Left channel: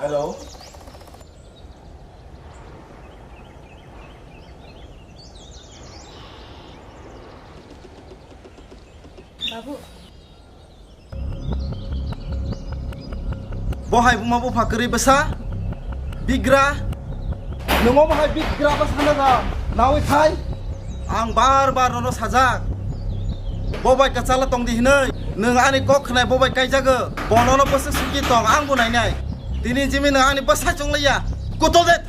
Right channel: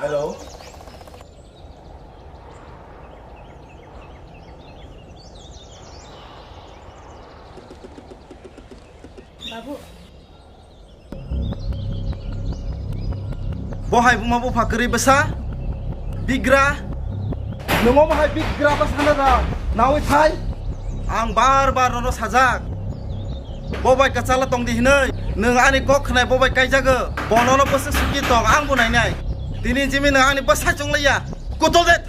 Hello. Babu. Bohai bumabu fakiri besar, bigra. Nunggu bohai bigra besar dah. Nawi thai. Ang bar nono sajak. Bobai kacala tong di hinai. Nung ani kok kenai bobai kai jaga. Bonono pasal suki tong ang bunai nai. Tini jimi nung ani besar cong laya. Kutol det.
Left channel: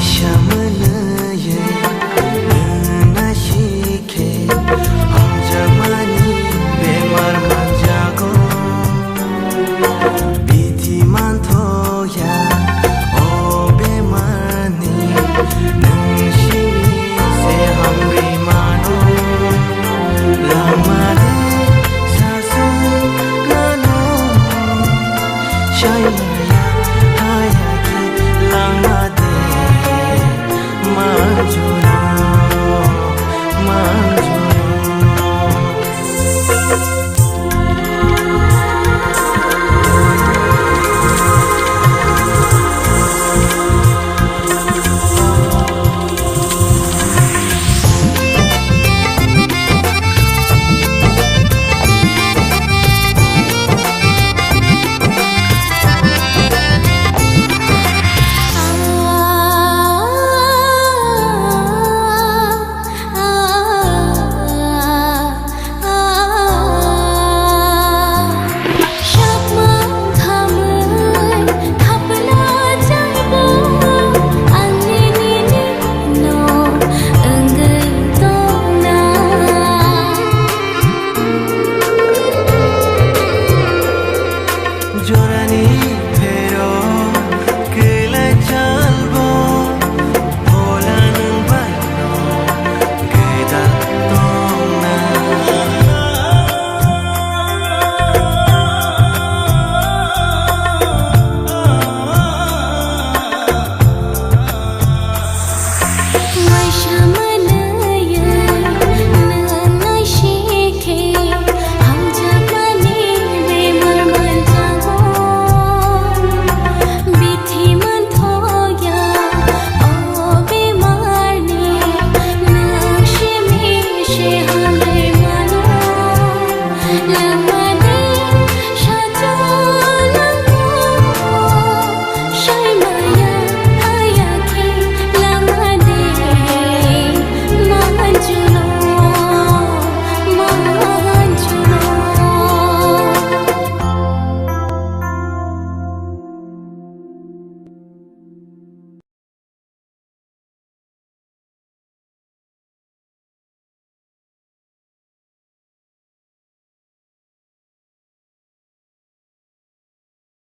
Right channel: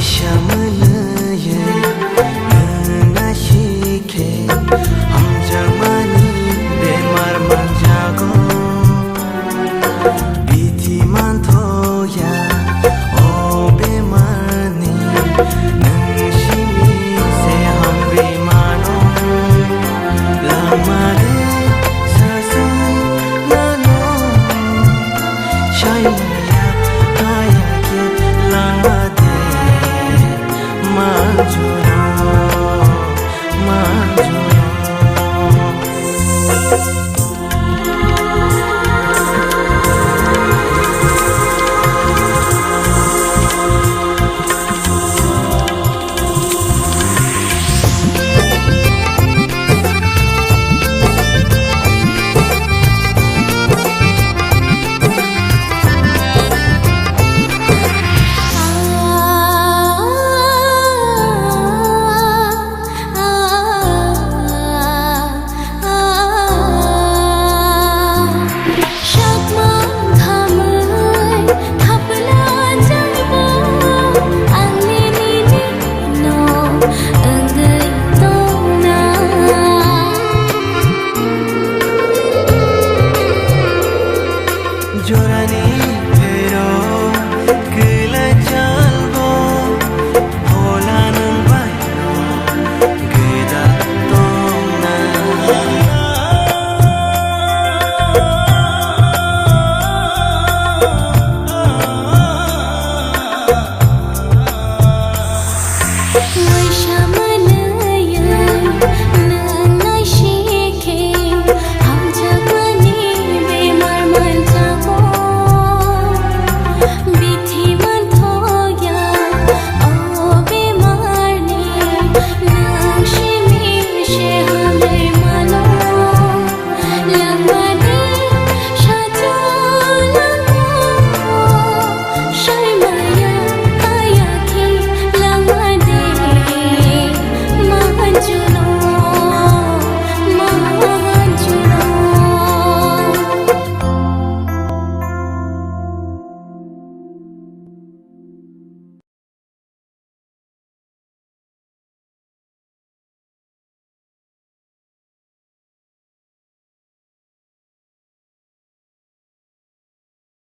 Shamanaya nana shike hamjakmani bemar manjago biti mantoya o bemarni nang shimi se hamri mano langmade sasoi nano shaimaya hayaki langmade Manjuro, manjuro. Jorani pero kela chalbo phola nang baino gedal tongna